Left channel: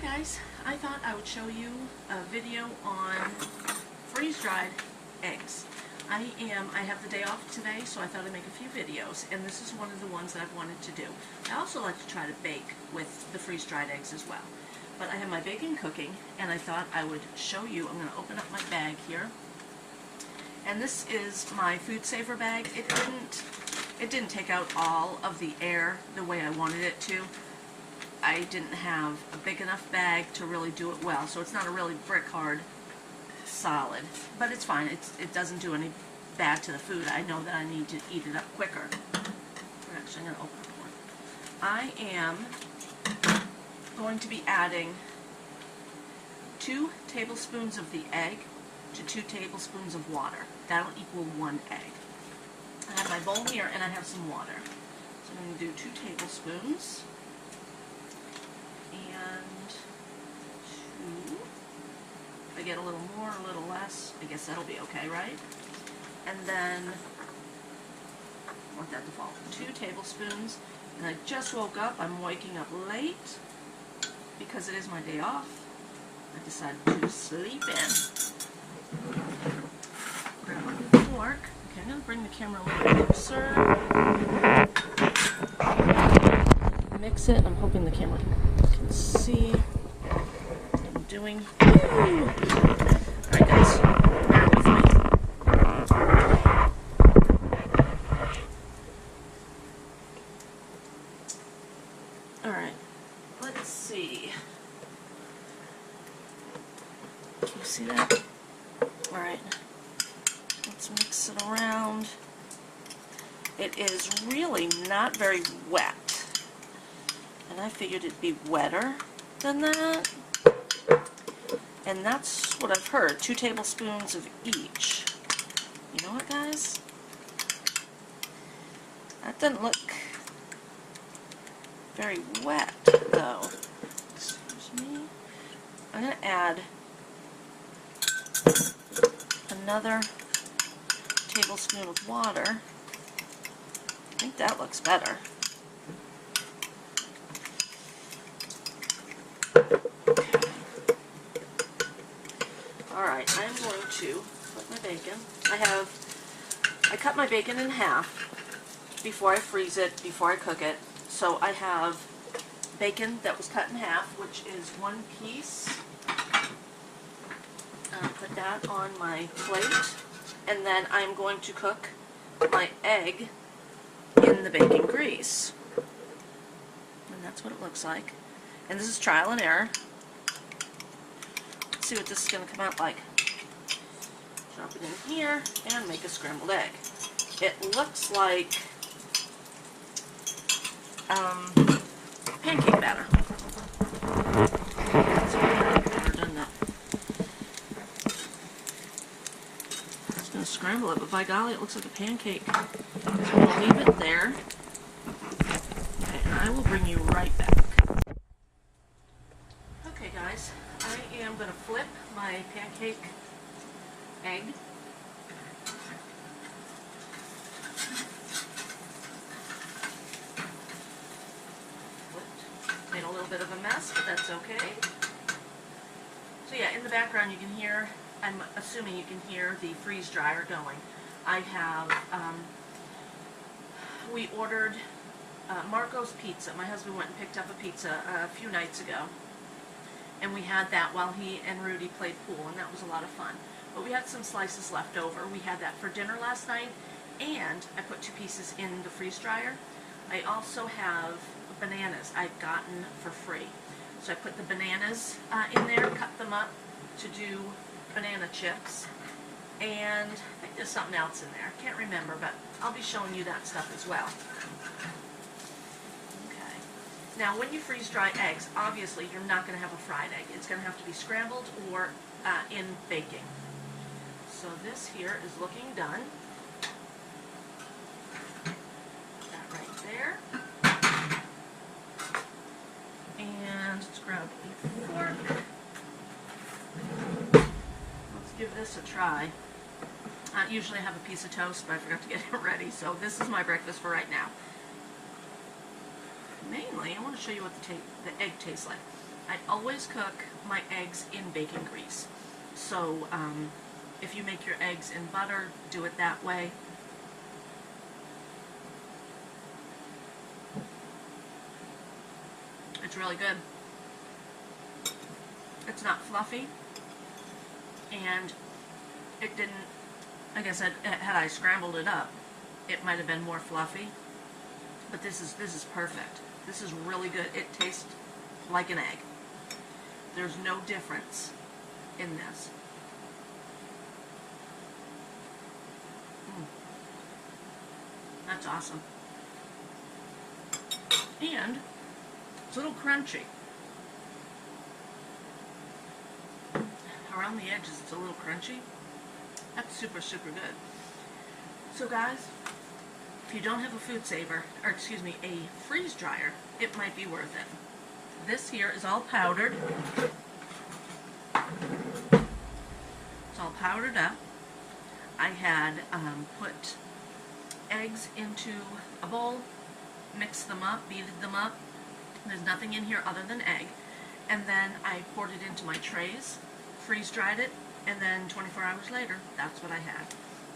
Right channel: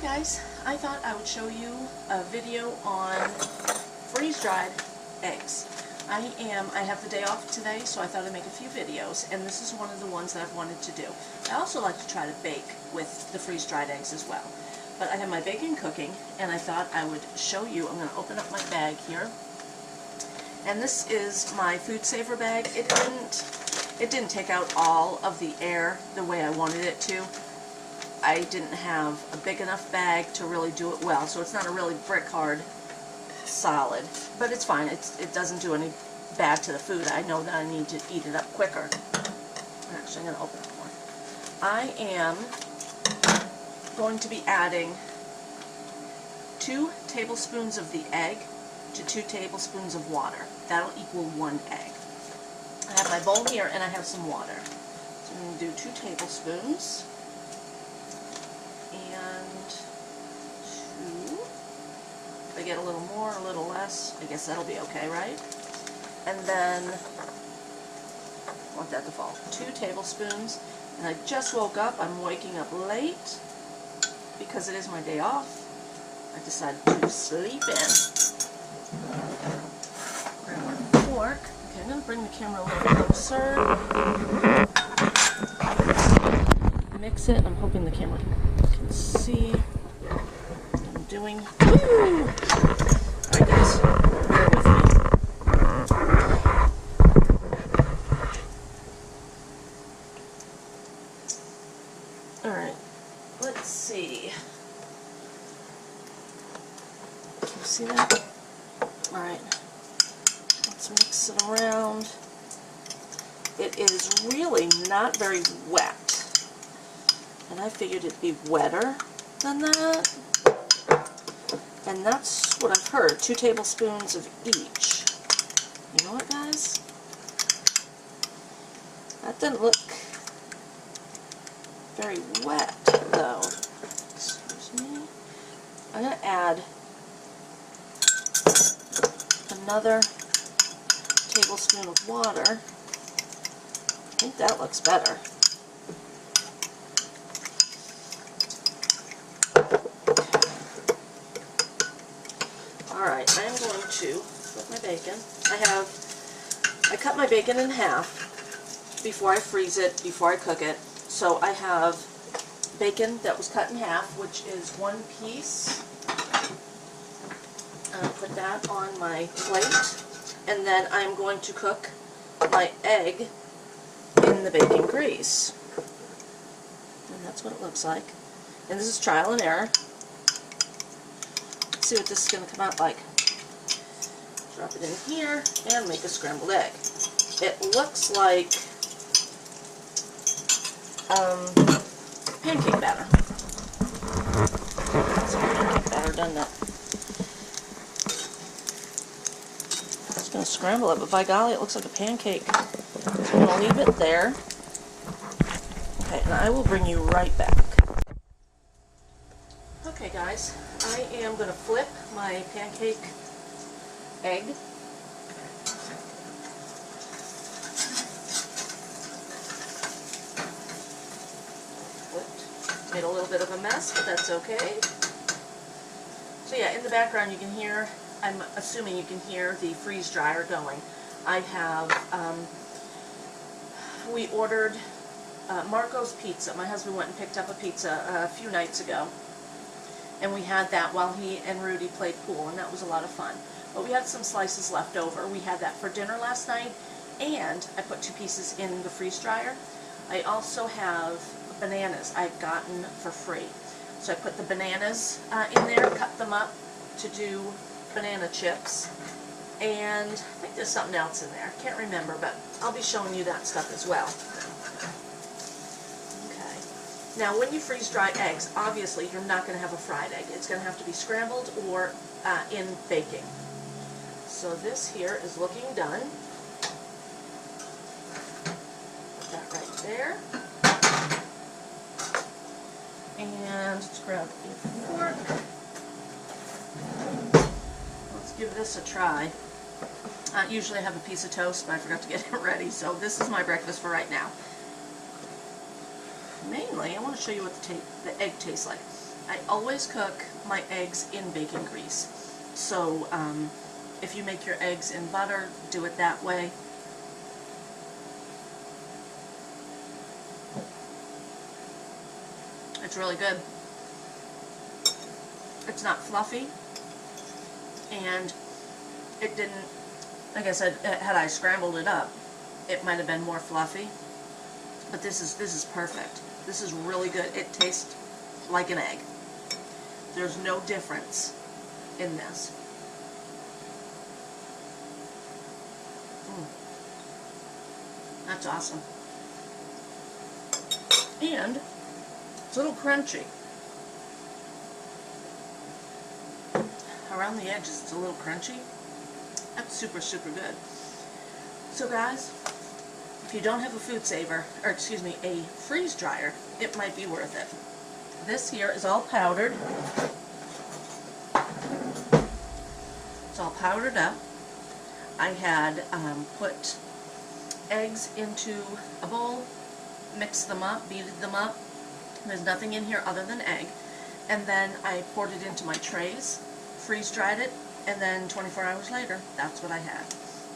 guys, I thought I would show you a video on freeze-dried eggs. I have the day off today, so I thought I'd make a few videos, and this is one of the ones that I've wanted to do. I also like to try to bake with the freeze-dried eggs as well. But I have my bacon cooking, and I thought I would show you. I'm going to open up my bag here. And this is my food saver bag. It didn't take out all of the air the way I wanted it to. I didn't have a big enough bag to really do it well, so it's not a really brick hard solid, but it's fine. It doesn't do any bad to the food. I know that I need to eat it up quicker. Actually, I'm going to open up more. I am going to be adding 2 tablespoons of the egg to 2 tablespoons of water. That'll equal 1 egg. I have my bowl here and I have some water. So I'm going to do 2 tablespoons and 2. If I get a little more, a little less, I guess that'll be okay, right? And then, I want that to fall, 2 tablespoons. And I just woke up. I'm waking up late because it is my day off. I decided to sleep in. Grab my fork. Okay, I'm going to bring the camera a little closer. Mix it. I'm hoping the camera can see what I'm doing. Woo! Alright guys, bear with me. Alright, let's see. Can you see that? Alright, let's mix it around. It is really not very wet. And I figured it'd be wetter than that. And that's what I've heard, 2 tablespoons of each. You know what, guys? That doesn't look very wet, though. Excuse me. I'm going to add another tablespoon of water. I think that looks better. Alright, I'm going to put my bacon. I cut my bacon in half before I freeze it, before I cook it. So I have bacon that was cut in half, which is 1 piece. I'm going to put that on my plate. And then I'm going to cook my egg in the bacon grease. And that's what it looks like. And this is trial and error. See what this is going to come out like. Drop it in here and make a scrambled egg. It looks like pancake batter. It's like pancake batter, doesn't it? I was going to scramble it, but by golly, it looks like a pancake. So I'm going to leave it there. Okay, and I will bring you right back. Okay guys, I am going to flip my pancake egg. Flipped. Made a little bit of a mess, but that's okay. So yeah, in the background you can hear, I'm assuming you can hear the freeze dryer going. I have, we ordered Marco's Pizza. My husband went and picked up a pizza a few nights ago. And we had that while he and Rudy played pool, and that was a lot of fun. But we had some slices left over. We had that for dinner last night, and I put 2 pieces in the freeze dryer. I also have bananas I've gotten for free. So I put the bananas in there, cut them up to do banana chips. And I think there's something else in there. I can't remember, but I'll be showing you that stuff as well. Now, when you freeze dry eggs, obviously you're not going to have a fried egg. It's going to have to be scrambled or in baking. So this here is looking done. Put that right there. And let's grab a fork. Let's give this a try. Usually I have a piece of toast, but I forgot to get it ready. So this is my breakfast for right now. Mainly, I want to show you what the egg tastes like. I always cook my eggs in bacon grease. So if you make your eggs in butter, do it that way. It's really good. It's not fluffy, and it didn't, like I said, had I scrambled it up, it might have been more fluffy. But this is perfect. This is really good. It tastes like an egg. There's no difference in this. That's awesome. And it's a little crunchy. Around the edges it's a little crunchy. That's super, super good. So guys, if you don't have a food saver, or excuse me, a freeze dryer, it might be worth it. This here is all powdered. It's all powdered up. I had put eggs into a bowl, mixed them up, beated them up. There's nothing in here other than egg. And then I poured it into my trays, freeze dried it, and then 24 hours later, that's what I had.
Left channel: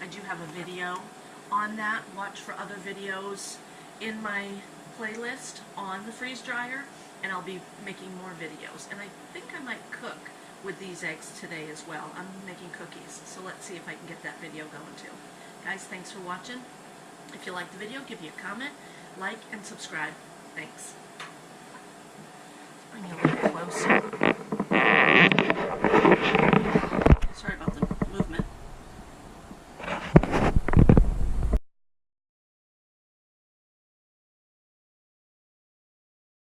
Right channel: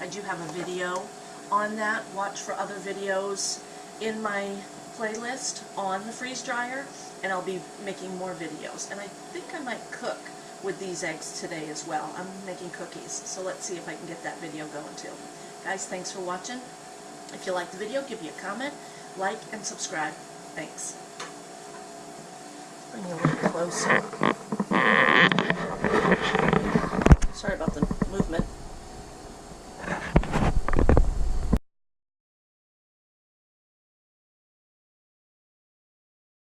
I do have a video on that. Watch for other videos in my playlist on the freeze dryer, and I'll be making more videos. And I think I might cook with these eggs today as well. I'm making cookies, so let's see if I can get that video going too. Guys, thanks for watching. If you liked the video, give me a comment, like, and subscribe. Thanks. Bring you a little closer. Sorry about the movement.